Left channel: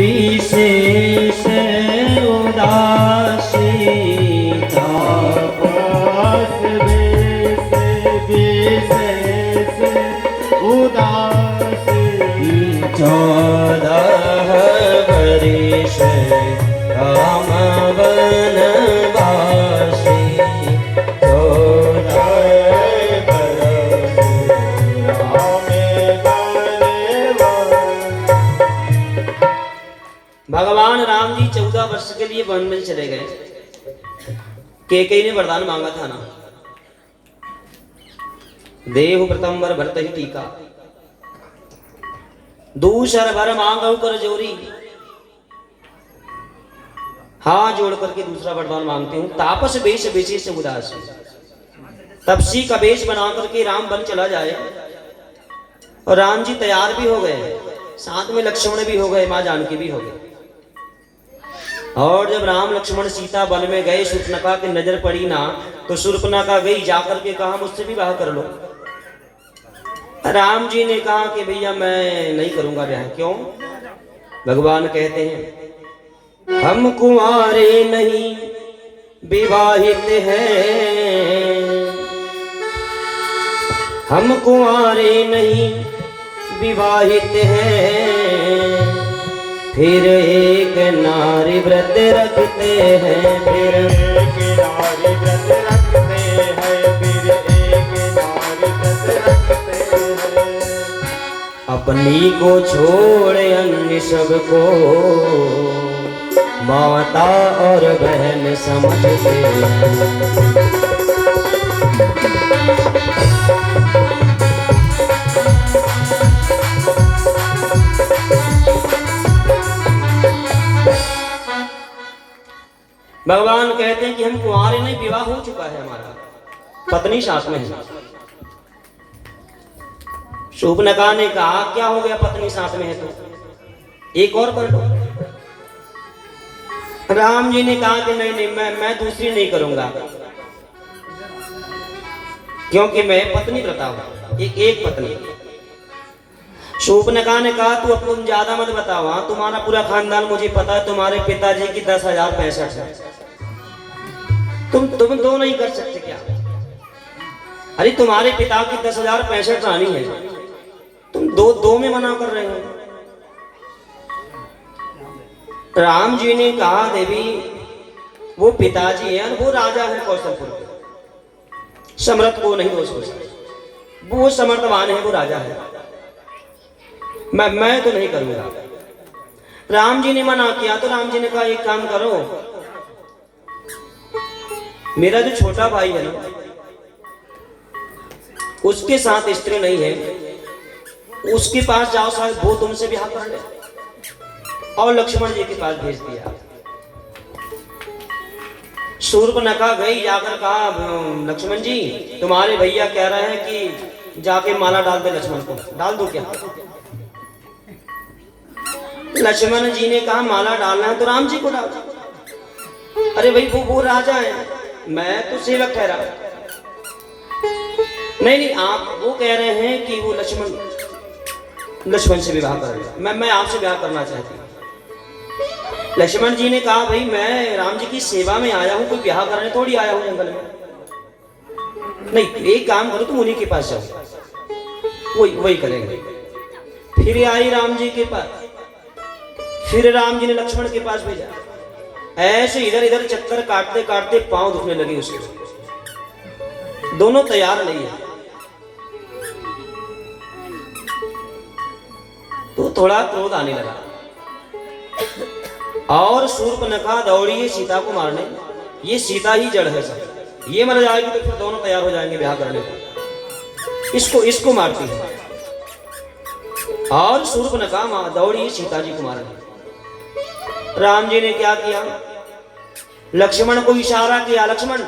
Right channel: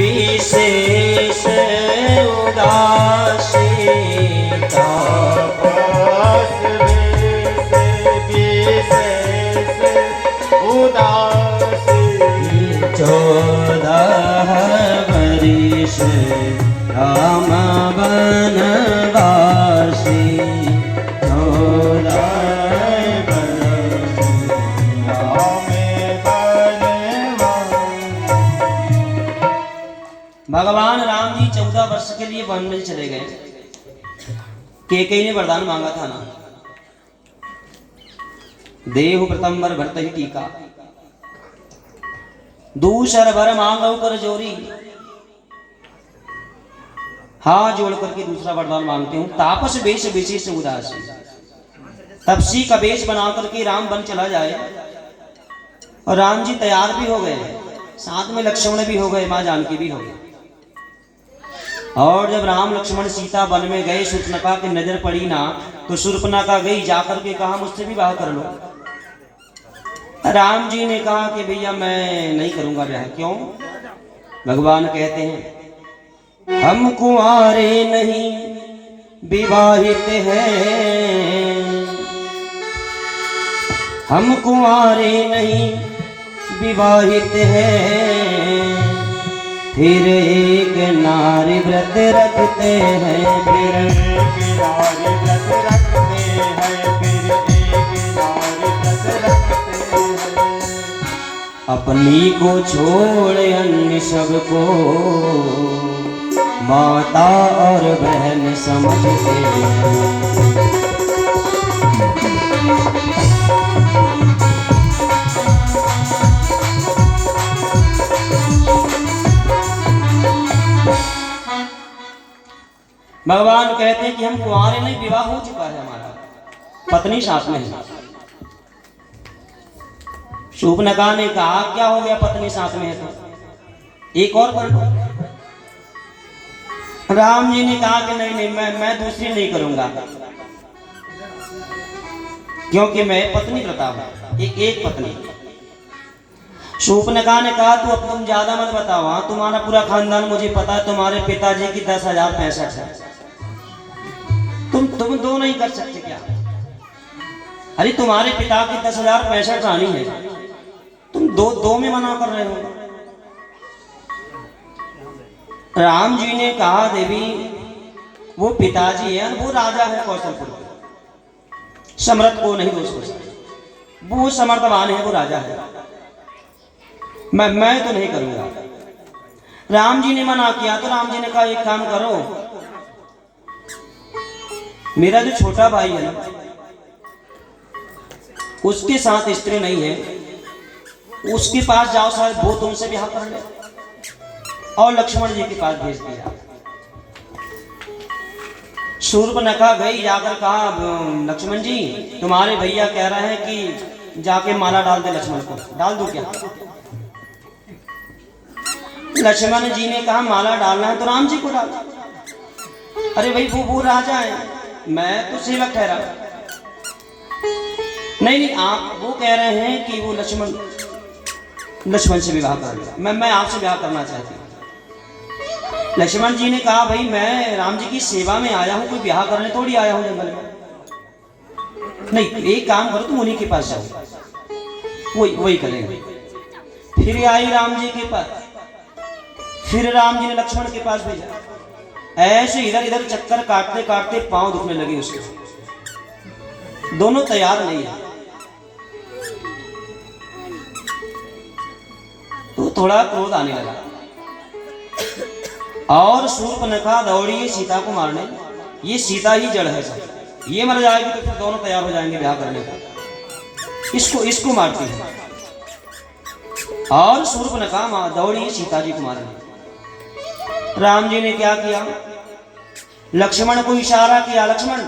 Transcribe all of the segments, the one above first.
विशेष उदासी तापस विशेष उदासी 14 वर्ष राम वनवासी 14 भगवान राम जी 14 वर्ष के लिए वन में चले गए। कैकेयी ने वरदान मांगा था ना, देहु प्रथमवर भरत ही टीका, दूसर भर मांगो कर जोरी। हाथ जोड़ करके दूसरा वरदान मांगती हूँ, तापस वेश विशेष उदासी। तपसी का वेश बना करके राम वन चला जाए और राम जी तैयार भी हो गए, साथ में लक्ष्मण भी हो गए, मां जानकी भी हो गए। और जब राम लक्ष्मण सीता वन में गए, शूर्पणखा की नजर पड़ी ना, तो शूर्पणखा गई, जाकर के कहा मुझसे भी विवाह कर लो। राम जी ने कहा कि भैया मैं नहीं करूंगा विवाह। क्यों? भगवान कहते हैं हम कुंवारे नहीं विवाहित हैं, हम कुंवारे नहीं विवाहित हैं, फिर एक नारी व्रत रखते हैं, फिर एक नारी व्रत रखते हैं, फिर एक नारी व्रत रखते हैं। अपनी को छोड़ अन्य सबको माता और बहन समझते हैं। भगवान कहते हैं कि हम कुंवारे नहीं, विवाह हो चुका है हमारा, पत्नी साथ में है। शूर्पणखा ने कहा क्या हो गया, पत्नी साथ में है तो एक और कर लो। राम जी ने कहा कि नहीं नहीं मैं दूसरी नहीं करूंगा, क्योंकि मैं पत्नी प्रता हूं, एक पत्नी। शूर्पणखा ने कहा तू अब तुम ज्यादा मत बताओ, हाँ तुम्हारा पूरा खानदान मुझे पता है, तुम्हारे पिताजी की 10,065 है, तुम दो नहीं कर सकते क्या? अरे तुम्हारे पिता की 10,065 रानी है, तुम दो में मना कर रहे हो। राम जी ने कहा देवी वो पिताजी है, वो राजा है कौशलपुर, समर्थ को नहीं दोष, वो समर्थवान है, वो राजा है, मैं तो नहीं करूंगा। राम जी ने मना किया तो राम जी ने कहा एक काम करो, मेरा जो छोटा भाई है ना उसके साथ स्त्री नहीं है, उसके पास जाओ, शायद वो तुमसे ब्याह कर ले। और लक्ष्मण जी के पास भेज दिया। शूर्पणखा गई, जाकर कहा लक्ष्मण जी तुम्हारे भैया कह रहे हैं कि जाके माला डाल दे, लक्ष्मण को डाल दो क्या? लक्ष्मण जी ने कहा माला डालना है तो राम जी को डाल। अरे भाई वो राजा है, मैं तो सेवक ठहरा। नहीं आप वो कह रहे हैं कि वो लक्ष्मण से विवाह कर, मैं आपसे विवाह करना चाहती हूँ। लक्ष्मण जी ने कहा भाई मैं राम जी की सेवा में आया हूँ, कोई विवाह करने थोड़ी आया हूँ जंगल में। नहीं एक काम करो तुम उन्हीं के पास जाओ, वही करेंगे। फिर आई राम जी के पास, फिर राम जी ने लक्ष्मण के पास भेजा। ऐसे इधर इधर चक्कर काटते काटते पांव दुखने लगे उसके, दोनों तैयार नहीं है। तो थोड़ा क्रोध आने लगा और शूर्पणखा दौड़ी है सीता को मारने। ये सीता ही जड़ है सब, ये मर जाएगी तो फिर दोनों तैयार हो जाएंगे ब्याह करने का। इसको मारती है और शूर्पणखा दौड़ी है सीता जी को मारने। राम जी ने क्या किया, लक्ष्मण को इशारा किया, लक्ष्मण,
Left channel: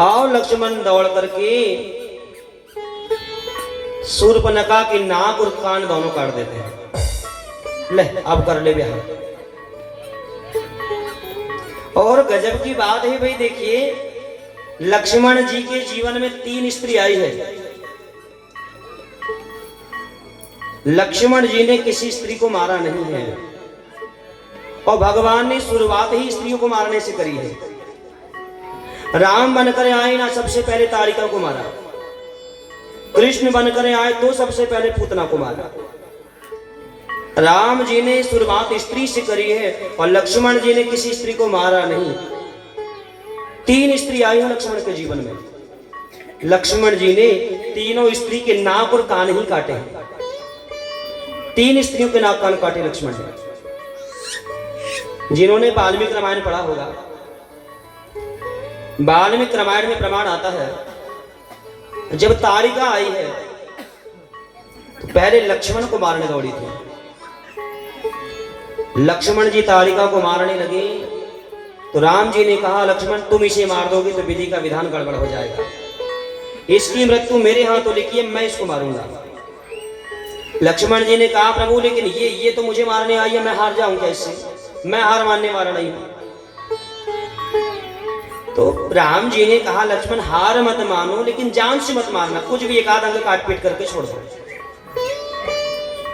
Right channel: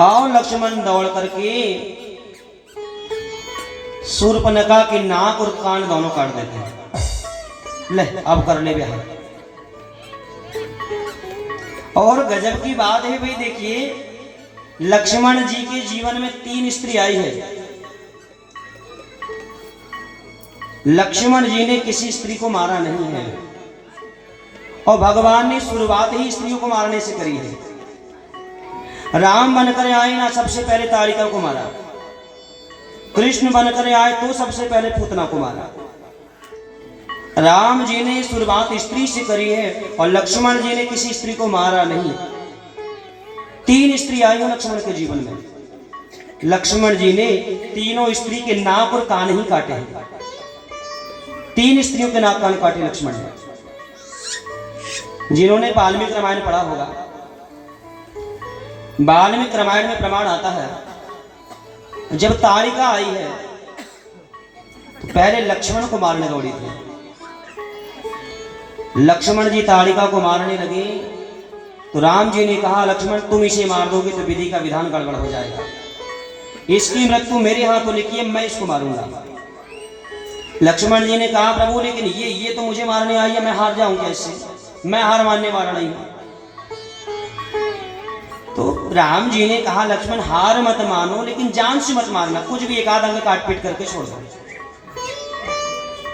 और लक्ष्मण दौड़ करके शूर्पणखा की नाक और कान दोनों काट देते हैं। ले अब कर ले ब्याह। और गजब की बात है भाई, देखिए लक्ष्मण जी के जीवन में 3 स्त्री आई है। लक्ष्मण जी ने किसी स्त्री को मारा नहीं है, और भगवान ने शुरुआत ही स्त्रियों को मारने से करी है। राम बनकर आए ना, सबसे पहले तारिका को मारा। कृष्ण बनकर आए तो सबसे पहले पूतना को मारा। राम जी ने शुरुआत स्त्री से करी है, और लक्ष्मण जी ने किसी स्त्री को मारा नहीं। 3 स्त्री आई लक्ष्मण के जीवन में। लक्ष्मण जी ने तीनों स्त्री के नाक और कान ही काटे। 3 स्त्रियों के नाक कान काटे लक्ष्मण ने। जिन्होंने वाल्मीकि रामायण पढ़ा होगा, वाल्मीकि रामायण में प्रमाण आता है, जब तारिका आई है तो पहले लक्ष्मण को मारने दौड़ी थी। लक्ष्मण जी तारिका को मारने लगे तो राम जी ने कहा, लक्ष्मण तुम इसे मार दोगे तो विधि का विधान गड़बड़ हो जाएगा, इसकी मृत्यु मेरे हाथों लिखी है, मैं इसको मारूंगा। लक्ष्मण जी ने कहा, प्रभु लेकिन ये तो मुझे मारने आई है, मैं हार जाऊंगा इससे, मैं हार मानने वाला नहीं हूं। तो राम जी ने कहा, लक्ष्मण हार मत मानो, लेकिन जान से मत मारना, कुछ भी एक आध अंग काट पीट करके छोड़ दो।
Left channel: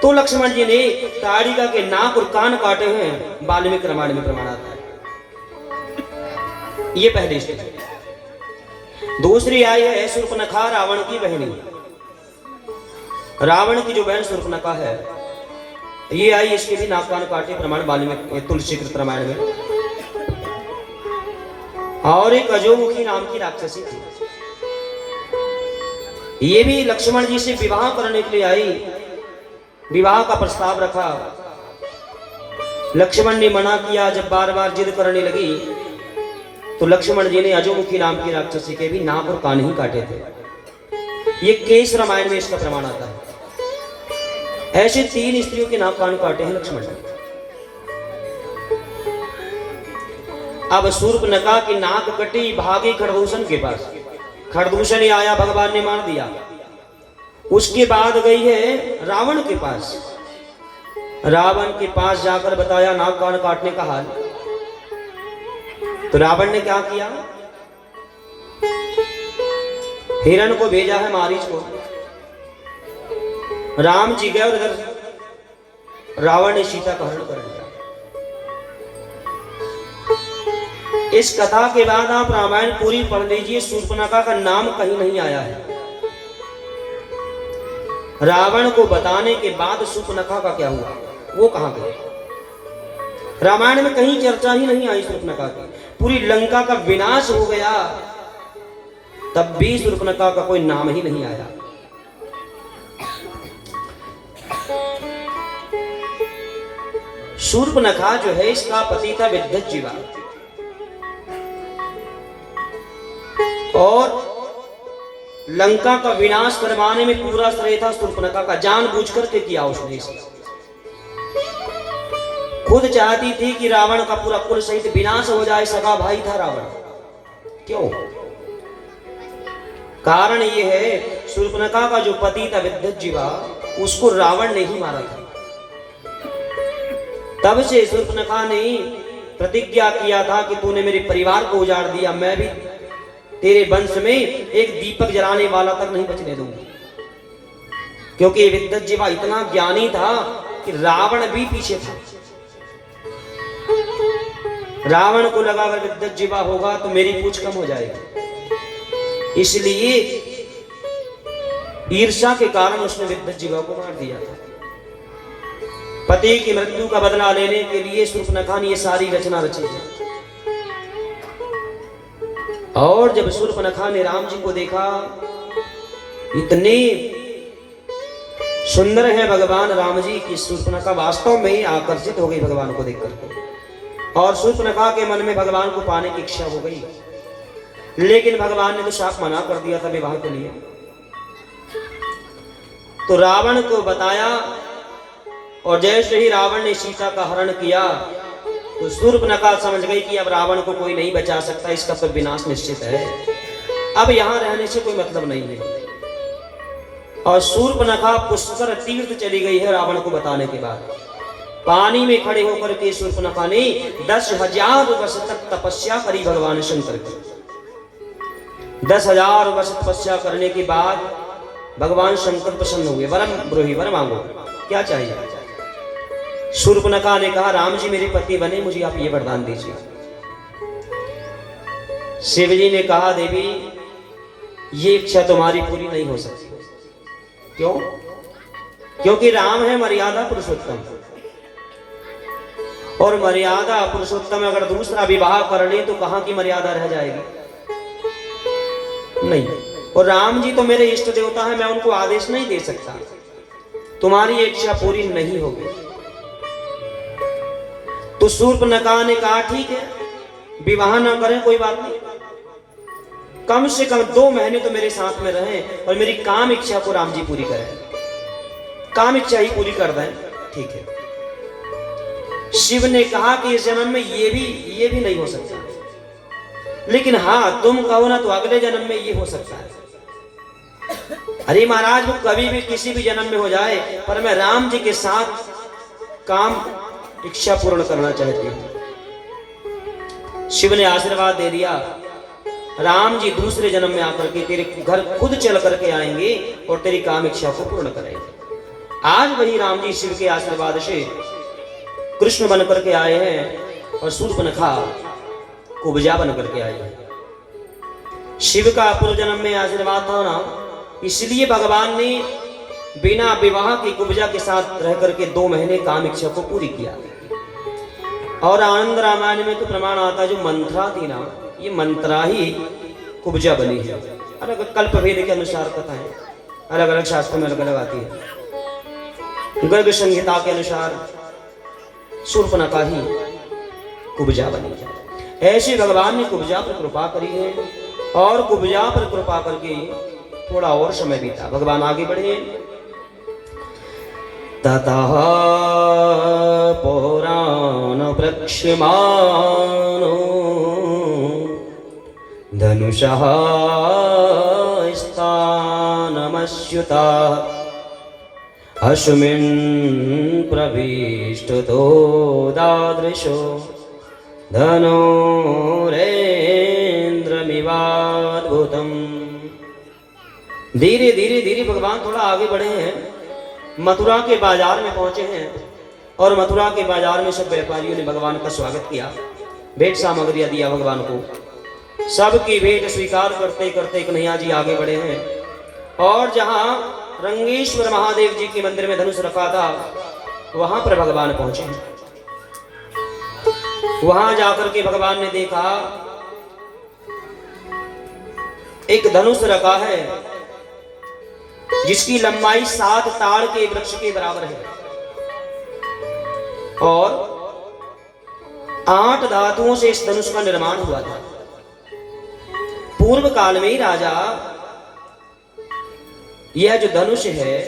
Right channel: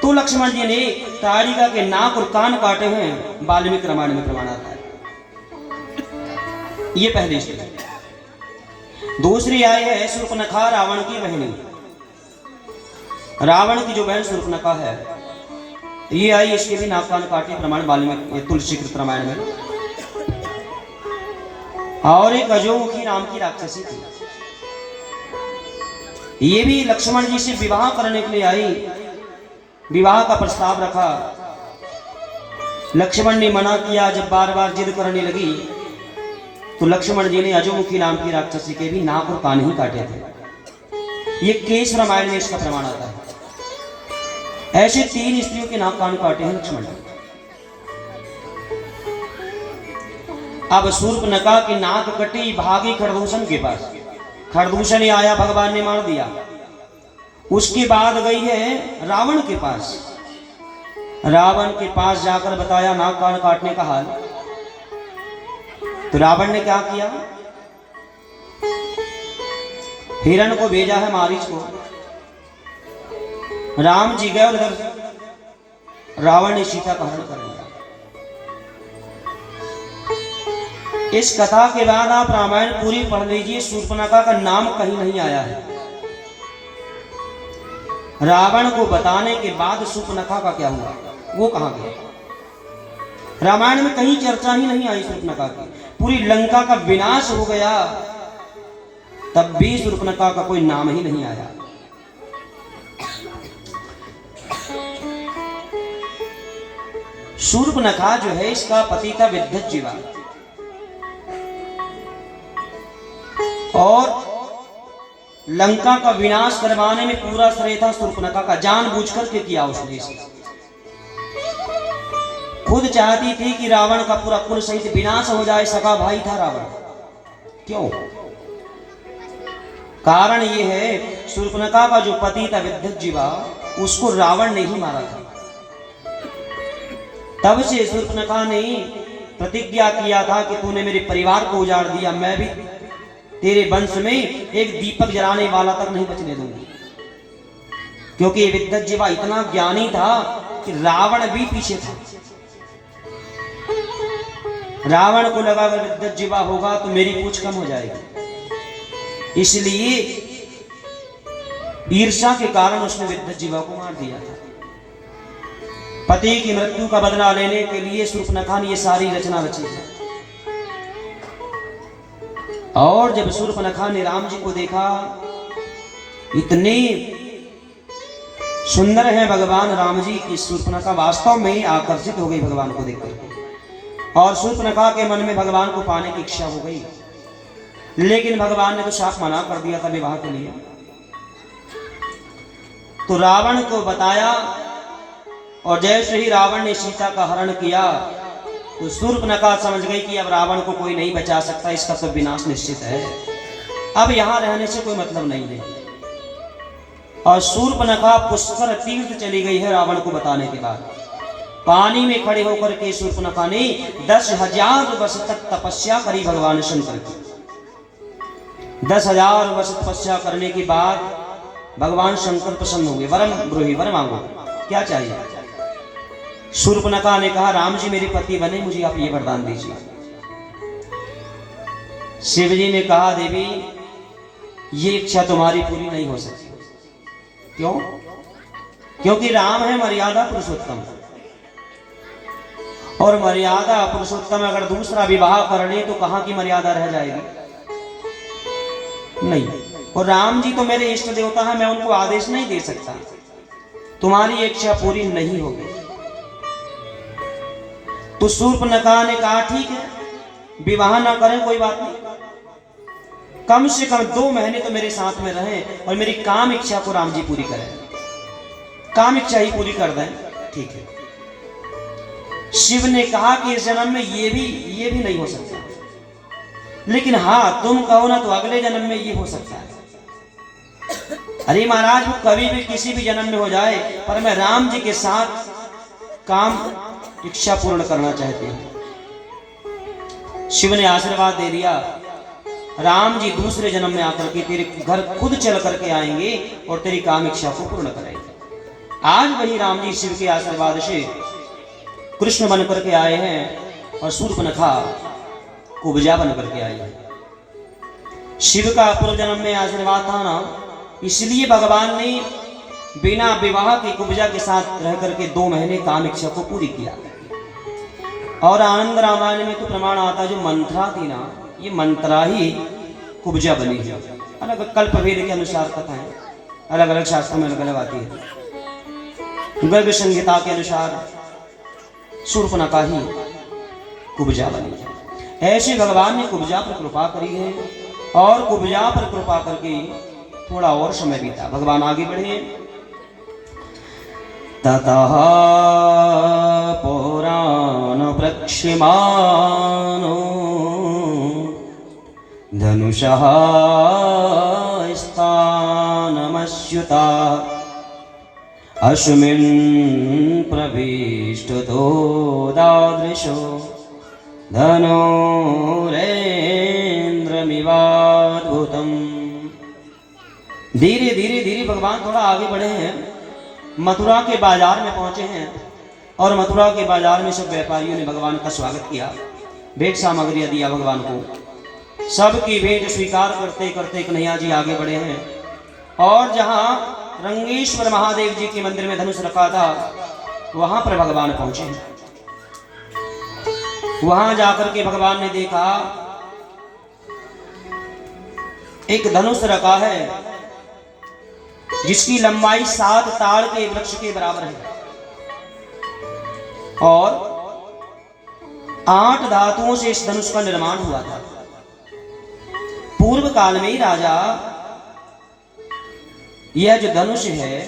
तो लक्ष्मण जी ने तारिका के नाक और कान काटे हैं, वाल्मीकि रामायण में प्रमाण आता है। ये पहली स्थिति। दूसरी आई है शूर्पणखा, रावण की बहनी। रावण की जो बहन शूर्पणखा है, ये आई, इसके भी नाक कान काटे, प्रमाण वाल्मीकि तुलसीकृत रामायण में। और एक अजोमुखी नाम की राक्षसी थी, ये भी लक्ष्मण जी से विवाह करने के लिए आई। विवाह का प्रस्ताव रखा, लक्ष्मण ने मना किया। जब बार बार जिद करने लगी तो लक्ष्मण जी ने अजोमुखी नाम की राक्षसी के भी नाक और कान ही काटे थे। ये केश रामायण में इसका प्रमाण आता है। ऐसे 3 स्त्रियों के नाक कान काटे हैं लक्ष्मण ने। अब शूर्पणखा की नाक कटी, भागी खरदूषण के पास। खरदूषण ही आया, भगवान ने मार दिया। उसके बाद गई है रावण के पास। रावण के पास जाकर बताया नाक कान काटने का हाल। तो रावण ने क्या किया, हिरण को भेजा है मारीच को। राम जी गए और इधर रावण ने सीता का हरण कर लिया। इस कथा के बाद आप रामायण पूरी पढ़ लीजिए, शूर्पणखा का नाम कहीं नहीं आया है। रावण को बताने के बाद शूर्पणखा का क्या हुआ, वो कहां गया? रामायण में कहीं चर्चा ही नहीं आई शूर्पणखा की। पूरी लंका का विनाश हो गया, तब भी शूर्पणखा का कोई नाम ही नहीं आया। शूर्पणखा जो है, इसका पति था विद्युज्जीवा, और लंका का विनाश करवाने में पूरा श्रेय था शूर्पणखा का। जानबूझ करके किया उसने। खुद चाहती थी कि रावण का पूरा कुल सहित विनाश हो जाए, सगा भाई था रावण। क्यों? कारण ये है, शूर्पणखा का जो पति था विद्युज्जीवा, उसको रावण ने ही मारा था। तब से शूर्पणखा ने प्रतिज्ञा किया था कि तूने मेरे परिवार को उजाड़ दिया, मैं भी तेरे वंश में एक दीपक जलाने वाला तक नहीं बचने दूंगी। क्योंकि विद्युज्जीवा इतना ज्ञानी था कि रावण भी पीछे था। रावण को लगा अगर विद्युज्जीवा होगा तो मेरी पूछ कम हो जाएगी, इसलिए ईर्ष्या के कारण उसने विद्युज्जीवा को मार दिया था। पति की मृत्यु का बदला लेने के लिए शूर्पणखा ने ये सारी रचना रची है। और जब शूर्पणखा ने राम जी को देखा, इतने सुंदर हैं भगवान राम जी की, शूर्पणखा वास्तव में आकर्षित हो गई भगवान को देखकर। और शूर्पणखा के मन में भगवान को पाने की इच्छा हो गई, लेकिन भगवान ने तो साफ मना कर दिया था विवाह के लिए। तो रावण को बताया, और जैसे ही रावण ने सीता का हरण किया तो शूर्पणखा समझ गई कि अब रावण को कोई नहीं बचा सकता, इसका तो विनाश निश्चित है, अब यहां रहने से कोई मतलब नहीं है। और शूर्पणखा पुष्कर तीर्थ चली गई है रावण को बताने के बाद। पानी में खड़े होकर के शूर्पणखा ने 10,000 वर्ष तक तपस्या करी भगवान शंकर की। 10,000 वर्ष तपस्या करने के बाद भगवान शंकर प्रसन्न हो गए। वरम ब्रूहि, वर मांगो। क्या चाहिए? शूर्पणखा ने कहा, राम जी मेरे पति बने, मुझे आप ये वरदान दीजिए। शिव जी ने कहा, देवी ये इच्छा तुम्हारी पूरी नहीं हो सकती। क्यों? क्योंकि राम है मर्यादा पुरुषोत्तम, और मर्यादा पुरुषोत्तम अगर दूसरा विवाह कर ले तो कहां की मर्यादा रह जाएगी? नहीं। और राम जी तो मेरे इष्ट देवता हैं, मैं उनको आदेश नहीं दे सकता। तुम्हारी इच्छा पूरी नहीं होगी। तो शूर्पणखा ने कहा, ठीक है, विवाह ना करें, कोई बात नहीं, कम से कम 2 महीने तो मेरे साथ में रहें और मेरी काम इच्छा को राम जी पूरी करें, काम इच्छा ही पूरी कर दें। ठीक है। शिव ने कहा कि इस जन्म में ये भी नहीं हो सकता, लेकिन हाँ तुम कहो ना तो अगले जन्म में ये हो सकता है। अरे महाराज, वो कभी भी किसी भी जन्म में हो जाए, पर मैं राम जी के साथ काम इच्छा पूर्ण करना चाहती हूँ। शिव ने आशीर्वाद दे दिया, राम जी दूसरे जन्म में आकर के तेरे घर खुद चल करके आएंगे और तेरी काम इच्छा को पूर्ण करेंगे। आज वही राम जी शिव के आशीर्वाद से कृष्ण बन करके आए हैं और शूर्पणखा कुब्जा बन करके आए हैं। शिव का पूर्व जन्म में आशीर्वाद था ना, इसलिए भगवान ने बिना विवाह के कुब्जा के साथ रह करके 2 महीने काम इच्छा को पूरी किया। और आनंद रामायण में तो प्रमाण आता है, जो मंत्रा थी ना, ये मंत्रा ही कुब्जा बनी है। अलग कल्प भेद के अनुसार कथाएं अलग अलग शास्त्रों में अलग अलग आती है। गर्ग संहिता के अनुसार शूर्पणखा ही कुब्जा बनी है। ऐसे भगवान ने कुब्जा पर कृपा करी है, और कुब्जा पर कृपा करके थोड़ा और समय बीता। भगवान आगे बढ़े। ततः पुराण प्रक्षिमानो धनुषः स्थानमच्युता अस्मिन् प्रविष्टतो दादृशो धनुरेन्द्रमिवाद्भुतम्। धीरे धीरे धीरे भगवान थोड़ा आगे बढ़े हैं, मथुरा के बाजार में पहुंचे हैं, और मथुरा के बाजार में सब व्यापारियों ने भगवान का स्वागत किया, भेंट सामग्रियां दिया भगवान को। सबकी भेंट स्वीकार करते करते कन्हैया जी आगे बढ़े हैं, और जहां रंगेश्वर महादेव जी के मंदिर में धनुष रखा था, वहां पर भगवान पहुंचे हैं। वहां जाकर के भगवान ने देखा एक धनुष रखा है, जिसकी लंबाई 7 ताड़ के वृक्ष के बराबर है, और 8 धातुओं से इस धनुष का निर्माण हुआ था। पूर्व काल में ही राजा, यह जो धनुष है,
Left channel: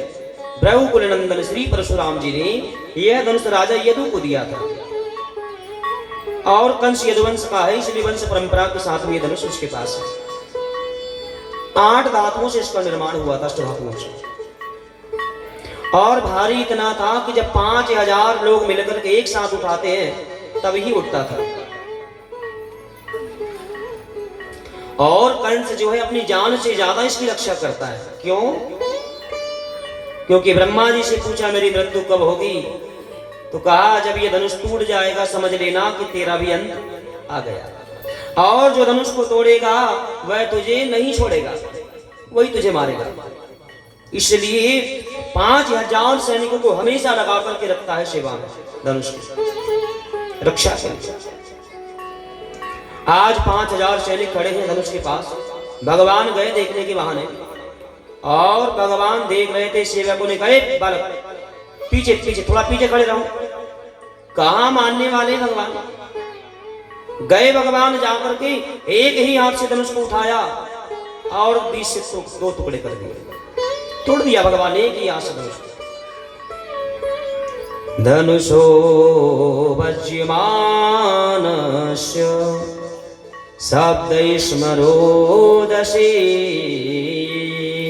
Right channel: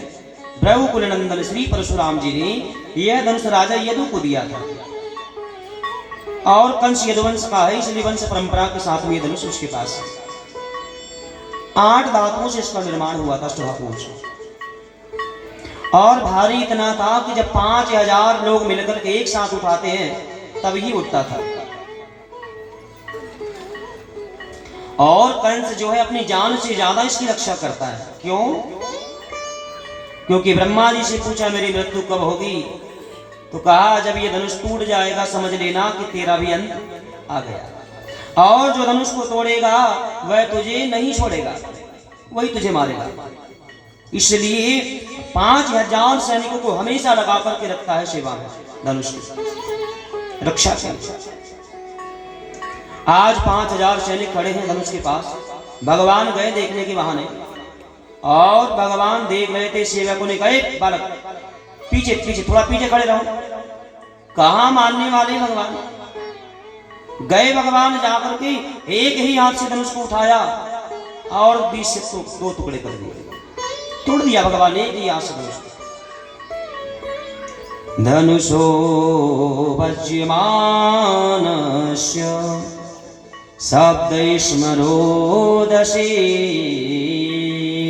ब्रह्मकुल नंदन श्री परशुराम जी ने यह धनुष राजा यदु को दिया था, और कंस यदुवंश का है, इसलिए वंश परंपरा के साथ में यह धनुष उसके पास है। 8 धातुओं से इसका निर्माण हुआ था, अष्टधातुओं से, और भारी इतना था कि जब 5000 लोग मिलकर के एक साथ उठाते हैं तब ही उठता था। और कंस जो है अपनी जान से ज्यादा इसकी रक्षा करता है। क्यों? क्योंकि ब्रह्मा जी से पूछा मेरी मृत्यु कब होगी, तो कहा जब ये धनुष टूट जाएगा समझ लेना कि तेरा भी अंत आ गया, और जो धनुष को तोड़ेगा वह तुझे नहीं छोड़ेगा, वही तुझे मारेगा। इसलिए 5000 सैनिकों को हमेशा लगा करके रखता है सेवा में, धनुष की रक्षा के लिए। आज 5000 सैनिक खड़े हैं धनुष के पास। भगवान गए देखने के बहाने, और भगवान देख रहे थे, सेवकों ने कहा बालक पीछे पीछे, थोड़ा पीछे खड़े रहो। कहां मानने वाले भगवान? गए भगवान जाकर के एक ही हाथ से धनुष को उठाया और बीच से 2 टुकड़े कर दिए, तोड़ दिया भगवान एक ही हाथ से धनुष। धनुषो वज्यमानस्य शब्द स्मरोदशे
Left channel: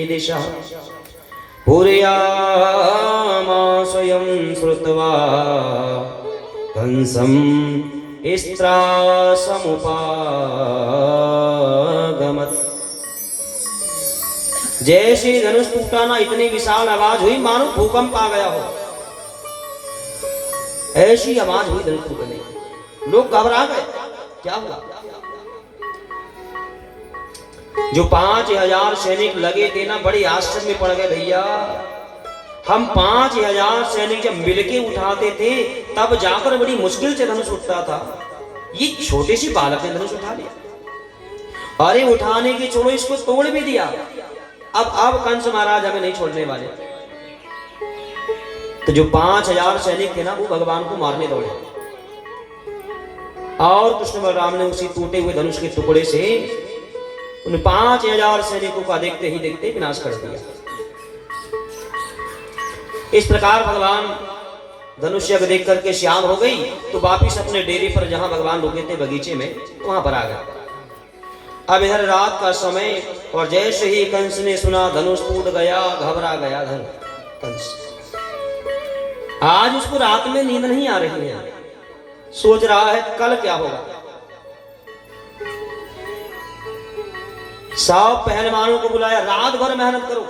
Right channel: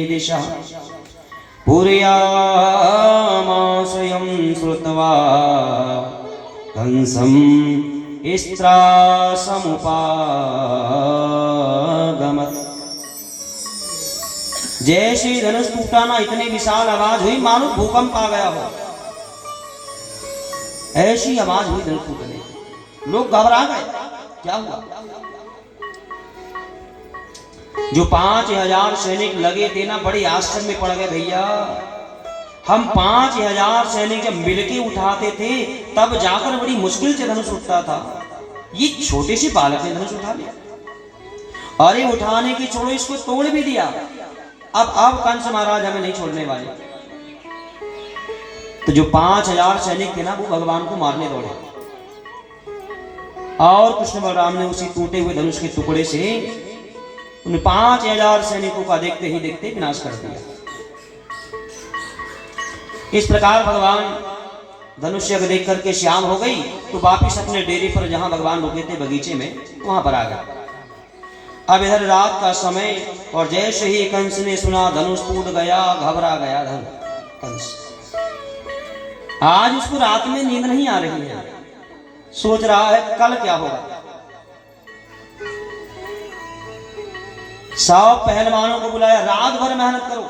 दिशा पुर्याम स्वयं श्रुत्वा कंसं स्त्रासमुपागमत्। जैसे धनुष टूटा ना, इतनी विशाल आवाज हुई मानो भूकंप आ गया हो, ऐसी आवाज हुई धनुष फूटने की। लोग घबरा गए, क्या हुआ? जो 5000 सैनिक लगे थे ना, बड़े आश्चर्य में पड़ गए। भैया, हम 5000 सैनिक जब मिलके उठाते थे तब जाकर बड़ी मुश्किल से धनुष उठता था, ये छोटे सी बालक ने धनुष उठा लिया। अरे उठाने की छोड़ो, इसको तोड़ भी दिया। अब कंस महाराज हमें नहीं छोड़ने वाले। तो जो 5000 सैनिक थे ना, वो भगवान को मारने दौड़े और कृष्ण बलराम ने उसी टूटे हुए धनुष के टुकड़े से उन 5000 सैनिकों का देखते ही देखते विनाश कर दिया। इस प्रकार भगवान धनुष यज्ञ देख करके श्याम हो गई, तो वापिस अपने डेरे पर जहां भगवान रुके थे बगीचे में, वहां पर आ गया। अब इधर रात का समय, और जैसे ही कंस ने सुना धनुष टूट गया, घबरा गया कंस। आज उसको रात में नींद नहीं आ रही है, सोच रहा है कल क्या होगा। सब पहलवानों को बुलाया, रात भर मेहनत करो,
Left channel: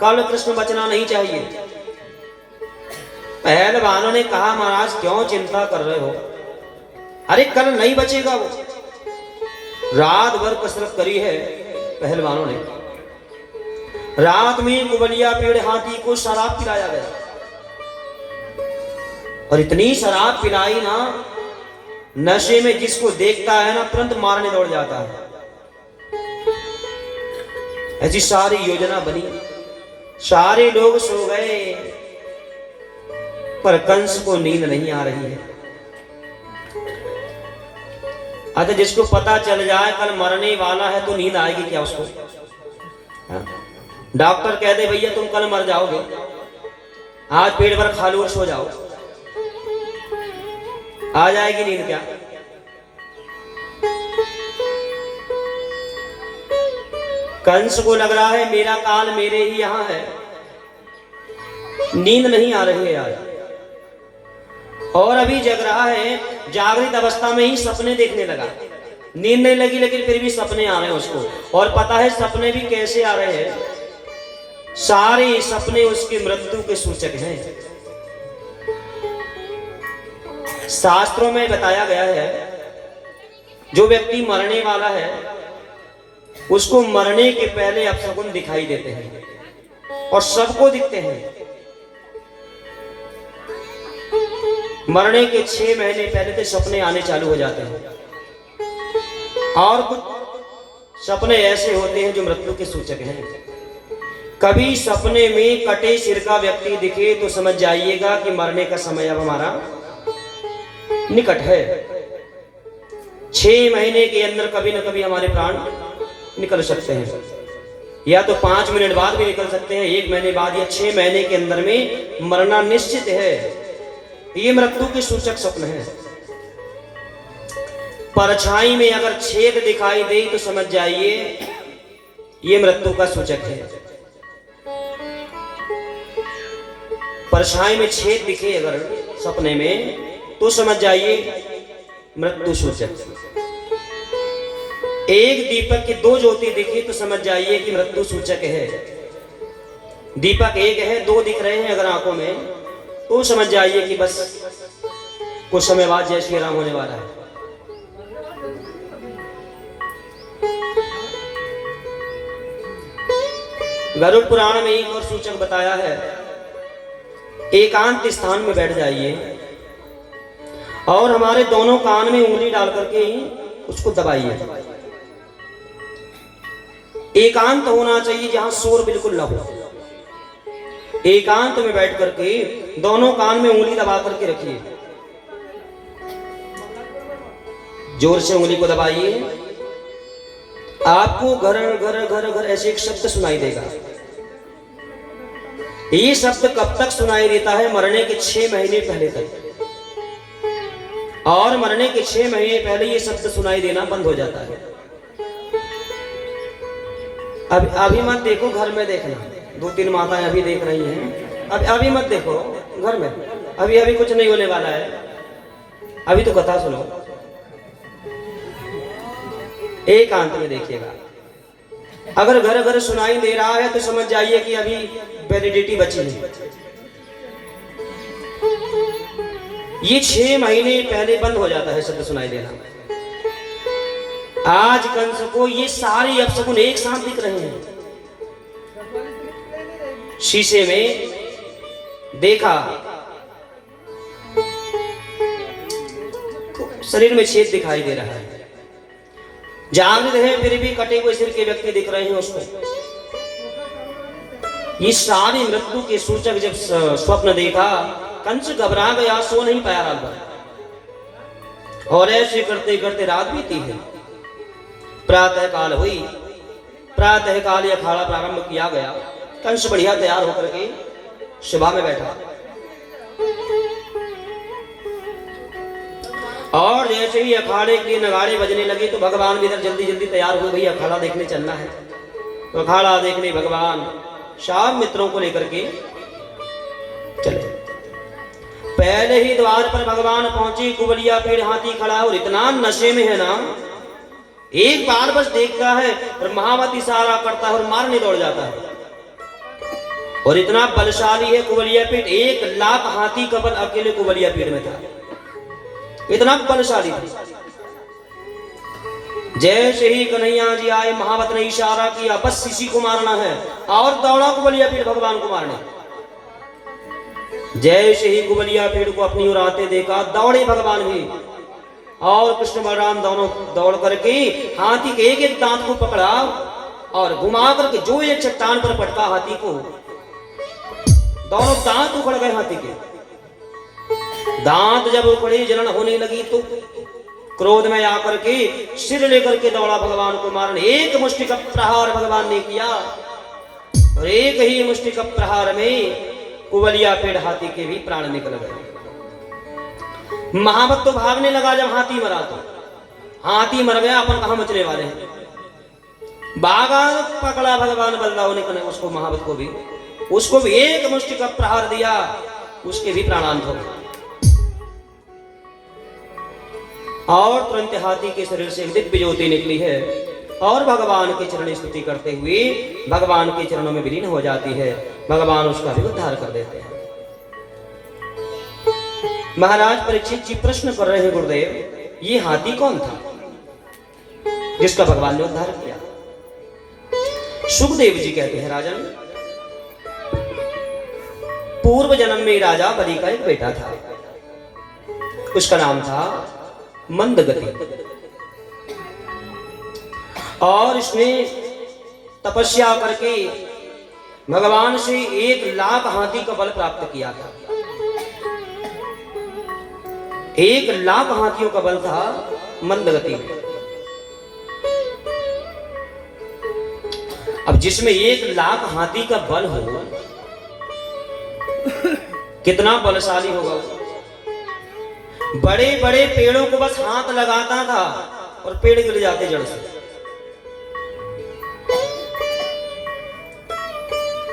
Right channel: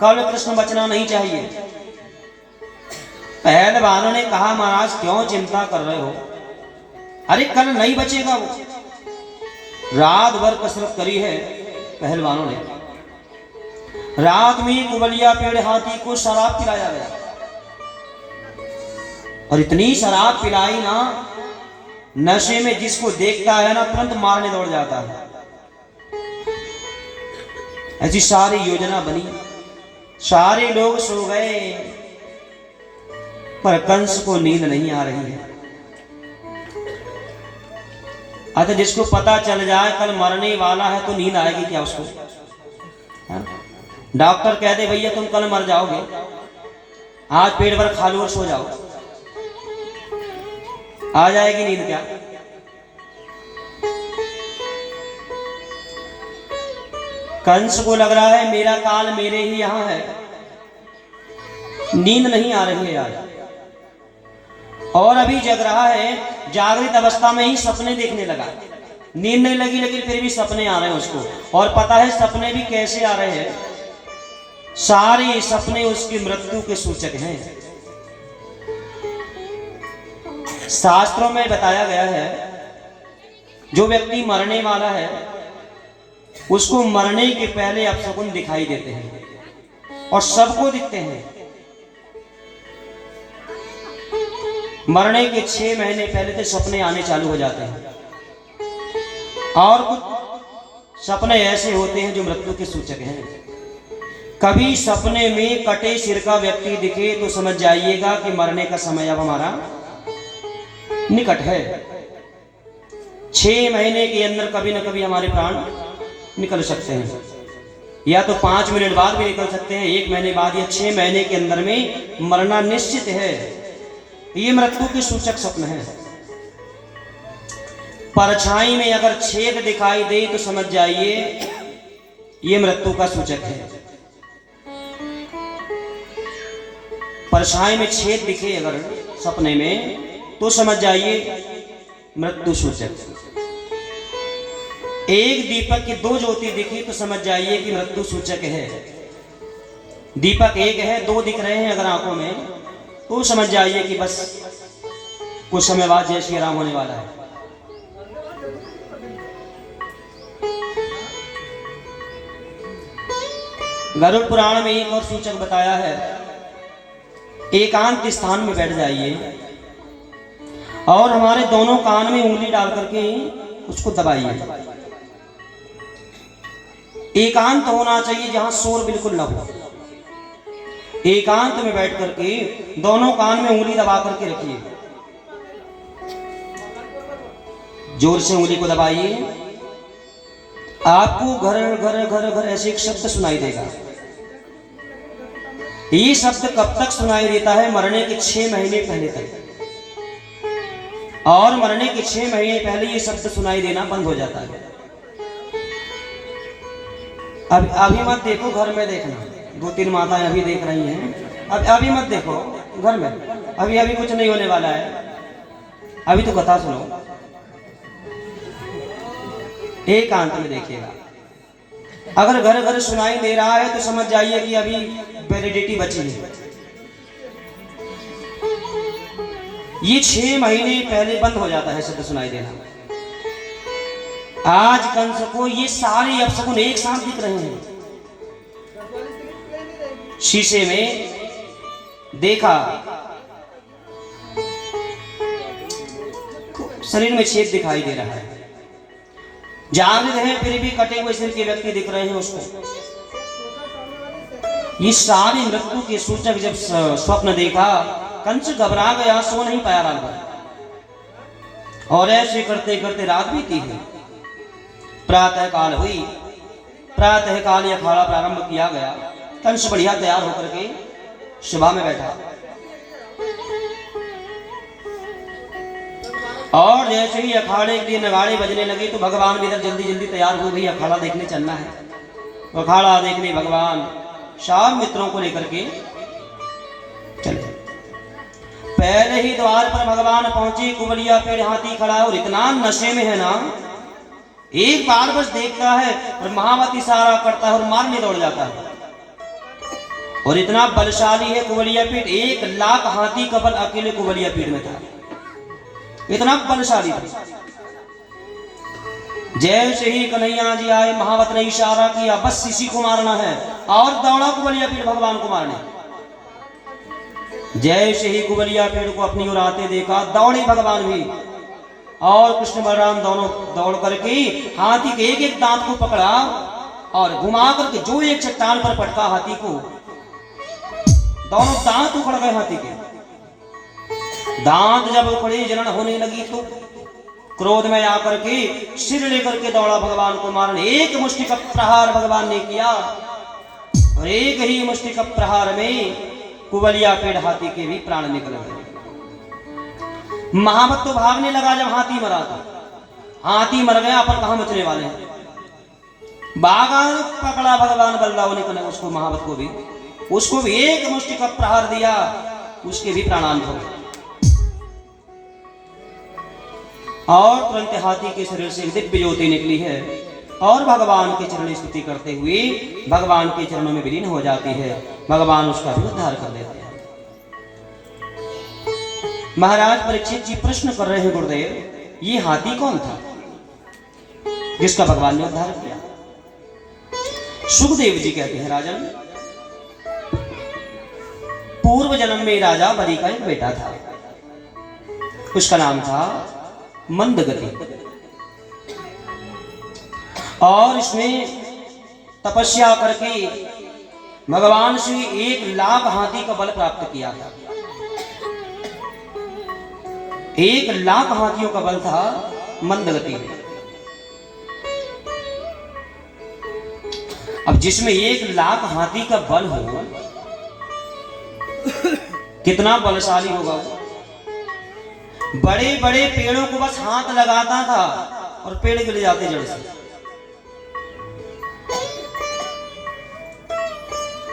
कल कृष्ण बचना नहीं चाहिए। पहलवानों ने कहा, महाराज क्यों चिंता कर रहे हो? अरे कल नहीं बचेगा वो। रात भर कसरत करी है पहलवानों ने। रात में कुबलिया पेड़ हाथी को शराब पिलाया गया, और इतनी शराब पिलाई ना, नशे में जिसको देखता है ना तुरंत मारने दौड़ जाता है। ऐसी सारी योजना बनी, सारे लोग सो गए, पर कंस को नींद नहीं आ रही है। अतः जिसको पता चल जाए कल मरने वाला है तो नींद आएगी क्या उसको? डॉक्टर कह दे भैया तुम कल मर जाओगे, आज पेट भर खा लो और सो जाओ, आ जाएगी नींद क्या? कंस को लग रहा है मेरा काल मेरे ही यहां है, नींद नहीं आ रही है आज, और अभी जग रहा है। जागृत अवस्था में ही सपने देखने लगा, नींद नहीं लगी लेकिन फिर भी सपने आ रहे हैं उसको, और पता है सपने भी कैसे आ रहे हैं, सारे सपने उसकी मृत्यु के सूचक हैं। शास्त्रों में बताया गया है जो व्यक्ति मरने वाला है उसको मरने के पहले अपशकुन दिखाई देते हैं, और सबको दिखते हैं। मरने के 6 महीने पहले से सपने आने चालू हो जाते हैं, और कुछ सपने ऐसे होते हैं जो मृत्यु के सूचक हैं। कभी सपने में कटे सिर का व्यक्ति दिखे तो समझ जाइएगा कि मरने का समय अब हमारा निकट है। 6 महीने के अंदर कभी न कभी हमारे प्राण निकल सकते हैं, या तो 5 मिनट बाद भी निकल सकते हैं, 1 महीने बाद, या 6 महीने के अंदर में मरना निश्चित है। ये मृत्यु के सूचक स्वप्न है। परछाई में अगर छेद दिखाई दे तो समझ जाइए ये मृत्यु का सूचक है। परछाई में छेद दिखे अगर सपने में तो समझ जाइए मृत्यु सूचक। एक दीपक की 2 ज्योति दिखे तो समझ जाइए कि मृत्यु सूचक है। दीपक एक है, 2 दिख रहे हैं अगर आंखों में तो समझ जाइए कि बस कुछ समय बाद जय श्री राम होने वाला है। गरुड़ पुराण में एक और सूचक बताया है, एकांत स्थान में बैठ जाइए और हमारे दोनों कान में उंगली डाल करके उसको दबाइए। एकांत होना चाहिए जहां शोर बिल्कुल न हो। एकांत में बैठ करके दोनों कान में उंगली दबा करके रखिए, जोर से उंगली को दबाइए। आपको घर घर घर घर ऐसे एक शब्द सुनाई देगा। ये शब्द कब तक सुनाई देता है? मरने के 6 महीने पहले तक, और मरने के 6 महीने पहले ये शब्द सुनाई देना बंद हो जाता है। अभी मत देखो, घर में देखना। 2-3 माताएं अभी देख रही हैं, अभी मत देखो घर में, अभी कुछ नहीं होने वाला है, अभी तो कथा सुनो। एकांत में देखिएगा। अगर घर घर सुनाई दे रहा है तो समझ जाइए कि अभी वैलिडिटी बची है। ये 6 महीने पहले बंद हो जाता है शब्द सुनाई देना। आज कंस को ये सारे अपशकुन एक साथ दिख रहे हैं। शीशे में देखा, शरीर में छेद दिखाई दे रहा है, जागृत है फिर भी कटे हुए सिर के व्यक्ति दिख रहे हैं उसको। ये सारी मृत्यु के सूचक जब स्वप्न देखा, कंस घबरा गया, सो नहीं पाया रात भर। और ऐसे करते करते रात बीती है। प्रातः काल हुई, प्रातः काल अखाड़ा प्रारंभ किया गया। कंस बढ़िया तैयार होकर के सभा में बैठा, और जैसे ही अखाड़े के नगाड़े बजने लगे तो भगवान भी इधर जल्दी जल्दी तैयार हो गई, अखाड़ा देखने चलना है। तो अखाड़ा देखने भगवान शाम मित्रों को लेकर के चले। पहले ही द्वार पर भगवान पहुंचे, कुबलिया पेड़ हाथी खड़ा और इतना नशे में है ना, एक बार बस देखता है और महावत इशारा करता है और मारने दौड़ जाता है। और इतना बलशाली है कुबलिया पीठ, 1 लाख हाथी का बल अकेले कुबलिया पीठ में था, इतना बलशाली था। जैसे ही कन्हैया जी आए, महावत ने इशारा किया बस इसी को मारना है, और दौड़ा कुबलिया पीठ भगवान को मारने। जैसे ही कुबलिया पीठ को अपनी ओर आते देखा, दौड़े भगवान भी, और कृष्ण बलराम दोनों दौड़ करके हाथी के एक एक दांत को पकड़ा और घुमा करके जो एक चट्टान पर पटका हाथी को, दोनों दांत उखड़ गए हाथी के। दांत जब उखड़ी, जलन होने लगी तो क्रोध में आकर के सिर लेकर के दौड़ा भगवान को मारने। एक मुष्टि का प्रहार भगवान ने किया, और एक ही मुष्टि का प्रहार में कुबलिया पेड़ हाथी के भी प्राण निकल गए। महावत तो भागने लगा जब हाथी मरा, तो हाथी मर गया, अपन कहां बचने वाले हैं। बागा पकड़ा भगवान बलराम ने उसको, महावत को भी, उसको भी एक मुष्टि का प्रहार दिया, उसके भी प्राणांत हो गए। और तुरंत हाथी के शरीर से दिव्य ज्योति निकली है, और भगवान के चरण स्तुति करते हुए भगवान के चरणों में विलीन हो जाती है। भगवान उसका भी उद्धार कर देते हैं। महाराज परीक्षित जी प्रश्न कर रहे हैं, गुरुदेव ये हाथी कौन था जिसका भगवान ने उद्धार किया? सुखदेव जी कहते हैं, राजन पूर्व जन्म में राजा बलि का एक बेटा था, उसका नाम था मंदगति, और इसने तपस्या करके भगवान से 1 लाख हाथी का बल प्राप्त किया था। 1 लाख हाथियों का बल था मंदगति में। अब जिसमें 1 लाख हाथी का बल हो, कितना बलशाली होगा। बड़े बड़े पेड़ों को बस हाथ लगाता था और पेड़ गिर जाते जड़ से।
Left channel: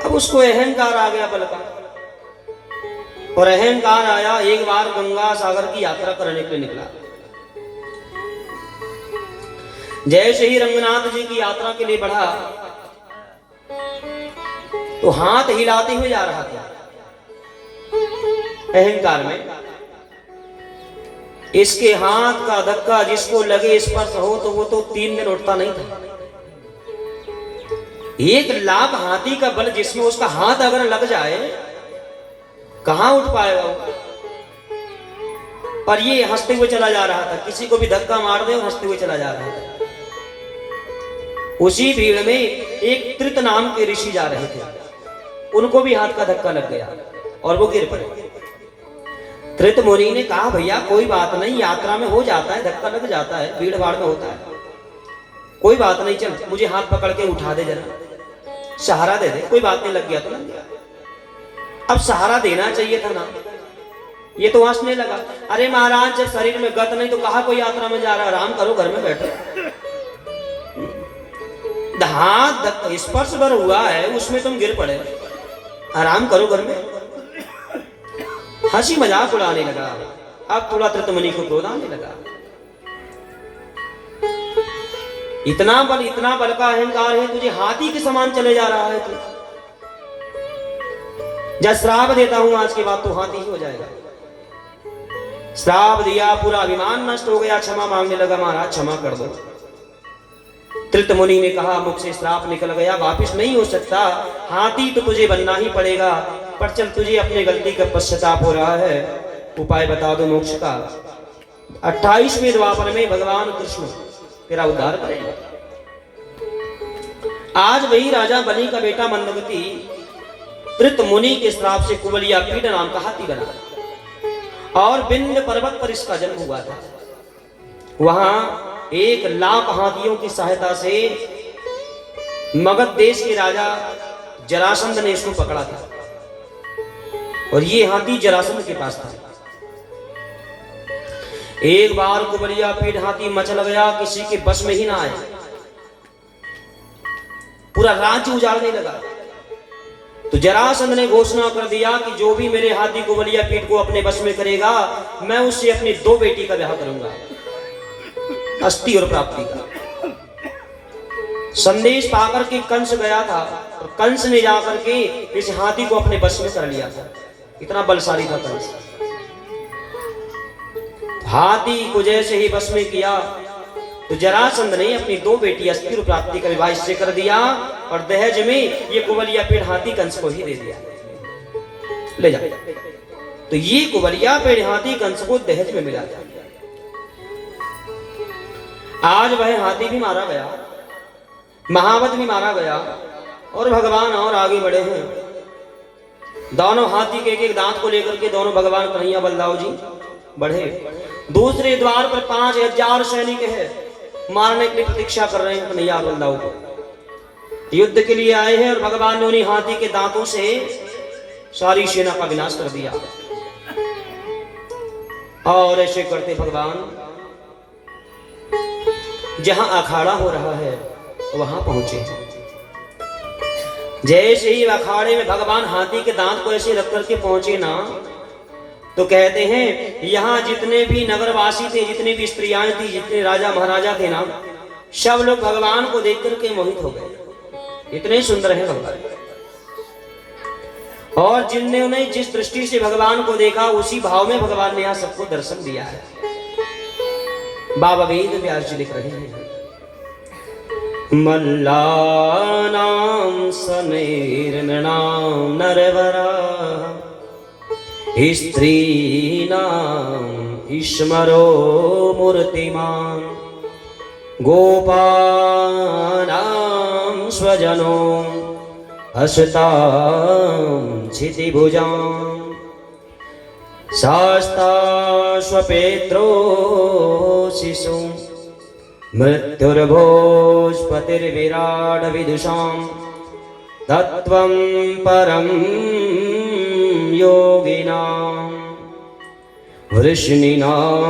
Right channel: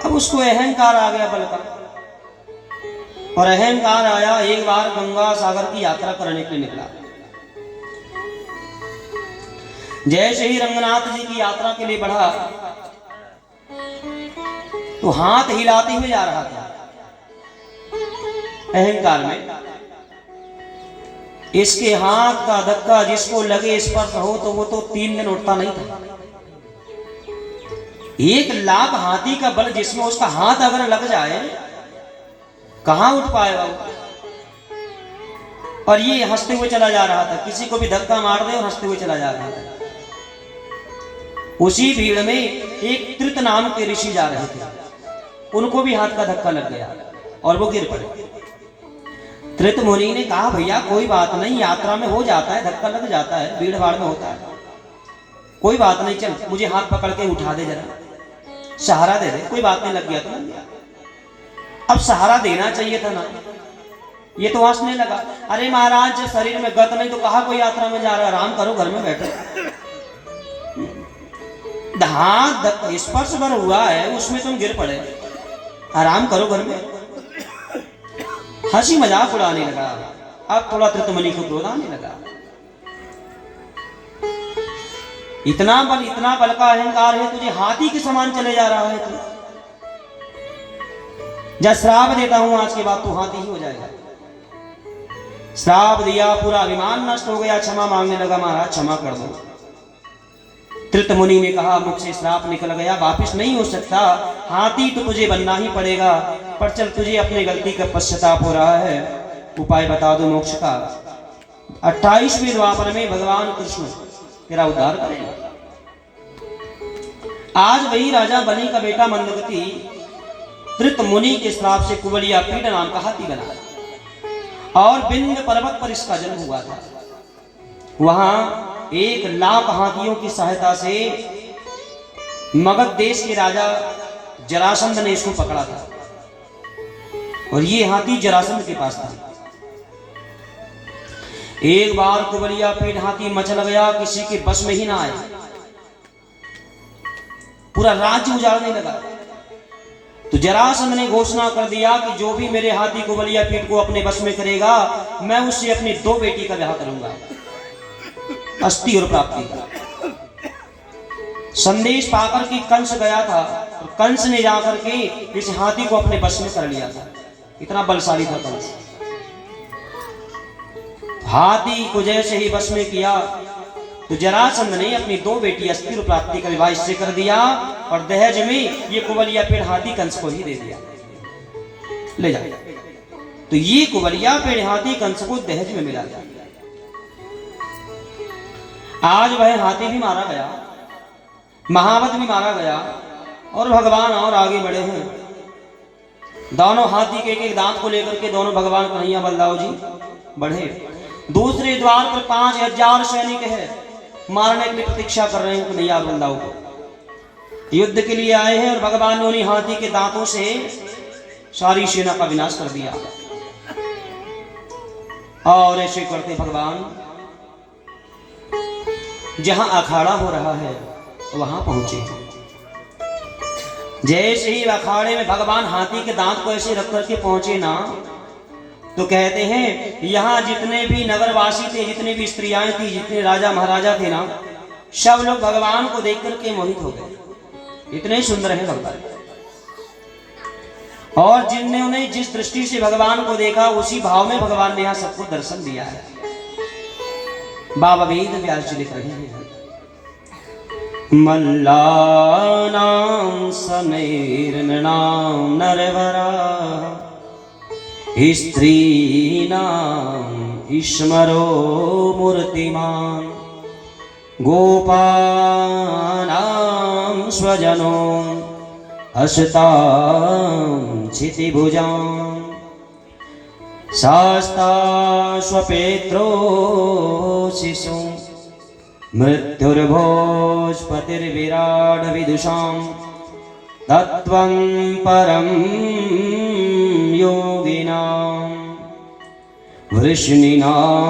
अब उसको अहंकार आ गया बल का, और अहंकार आया, एक बार गंगा सागर की यात्रा करने के लिए निकला। जैसे ही रंगनाथ जी की यात्रा के लिए बढ़ा तो हाथ हिलाते हुए जा रहा था अहंकार में। इसके हाथ का धक्का जिसको लगे, स्पर्श हो तो वो तो 3 दिन उठता नहीं था। 1 लाख हाथी का बल जिसमें उसका हाथ अगर लग जाए कहां उठ पाएगा वो। और ये हंसते हुए चला जा रहा था, किसी को भी धक्का मार दे और हंसते हुए चला जा रहा था। उसी भीड़ में एक त्रित नाम के ऋषि जा रहे थे, उनको भी हाथ का धक्का लग गया और वो गिर पड़े। त्रित मुनि ने कहा, भैया कोई बात नहीं, यात्रा में हो जाता है, धक्का लग जाता है, भीड़ भाड़ में होता है, कोई बात नहीं, चल मुझे हाथ पकड़ के उठा दे, जरा सहारा दे दे, कोई बात नहीं, लग गया तो लग गया। अब सहारा देना चाहिए था ना, ये तो हंसने लगा। अरे महाराज जब शरीर में गत नहीं तो कहा कोई यात्रा में जा रहा, आराम करो, घर में बैठो। हाथ स्पर्श भर हुआ है, उसमें तुम गिर पड़े, आराम करो घर में। हंसी मजाक उड़ाने लगा। अब थोड़ा त्रितमुनि को क्रोध आने लगा। इतना बल का अहंकार है तुझे, हाथी के समान चले जा रहा है तू। जब श्राप देता हूं आज के बाद तो हाथी ही हो जाएगा। श्राप दिया, पूरा अभिमान नष्ट हो गया, क्षमा मांगने लगा, महाराज क्षमा कर दो। त्रित मुनि ने कहा मुझसे श्राप निकल गया, वापिस नहीं हो सकता, हाथी तो तुझे बनना ही पड़ेगा, पर चल तुझे अपने गलती का पश्चाताप हो रहा है, उपाय बता दो मोक्ष का। 28वें द्वापर में भगवान कृष्ण तेरा उद्धार करेंगे। आज वही राजा बलि का बेटा मंदगति त्रित मुनि के श्राप से कुबलिया पीठ नाम का हाथी बना और विंध्य पर्वत पर इसका जन्म हुआ था। वहां 1 लाख हाथियों की सहायता से मगध देश के राजा जरासंध ने इसको पकड़ा था और ये हाथी जरासंध के पास था। एक बार कुबलिया पीठ हाथी मचल गया, किसी के बस में ही ना आया, पूरा राज्य उजाड़ने लगा। तो जरासंध ने घोषणा कर दिया कि जो भी मेरे हाथी कुबलिया पीठ को अपने बस में करेगा, मैं उससे अपनी 2 बेटी का ब्याह करूंगा, अस्थि और प्राप्ति का। संदेश पाकर के कंस गया था और कंस ने जाकर के इस हाथी को अपने बस में कर लिया था। इतना बलशाली था कंस। हाथी को जैसे ही बस में किया तो जरासंध ने अपनी 2 बेटी अस्थि और प्राप्ति का विवाह इससे कर दिया और दहेज में ये कुबलिया पेड़ हाथी कंस को ही दे दिया, ले जा। तो ये कुबलिया पेड़ हाथी कंस को दहेज में मिला था। आज वह हाथी भी मारा गया, महावत भी मारा गया और भगवान और आगे बढ़े हैं। दोनों हाथी के एक दांत को लेकर के दोनों भगवान कन्हैया बलदाव जी बढ़े। दूसरे द्वार पर 5000 सैनिक है, मारने के लिए प्रतीक्षा कर रहे हैं कन्हैया बलदाव को। युद्ध के लिए आए हैं और भगवान ने उन्हीं हाथी के दांतों से सारी सेना का विनाश कर दिया। और ऐसे करते भगवान जहां अखाड़ा हो रहा है वहां पहुंचे। जैसे ही अखाड़े में भगवान हाथी के दांत को ऐसे रख करके पहुंचे ना, तो कहते हैं यहाँ जितने भी नगरवासी थे, जितनी भी स्त्रियां थी, जितने राजा महाराजा थे ना, सब लोग भगवान को देख करके मोहित हो गए। इतने सुंदर है भगवान। और जिन्होंने जिस दृष्टि से भगवान को देखा उसी भाव में भगवान ने यहाँ सबको दर्शन दिया है। बाबा वेद व्यास जी लिख रहे हैं, मल्लानां सनैर्नृणां नरवरा स्त्रीणां ईश्वरो मूर्तिमान् गोपानां स्वजनो हसतां क्षितिभुजां शास्ता स्वपेत्रो शिशुं मृत्युर्भोजपतिर्विराड विदुषां तत्त्वं परं योगिनां वृष्णीनां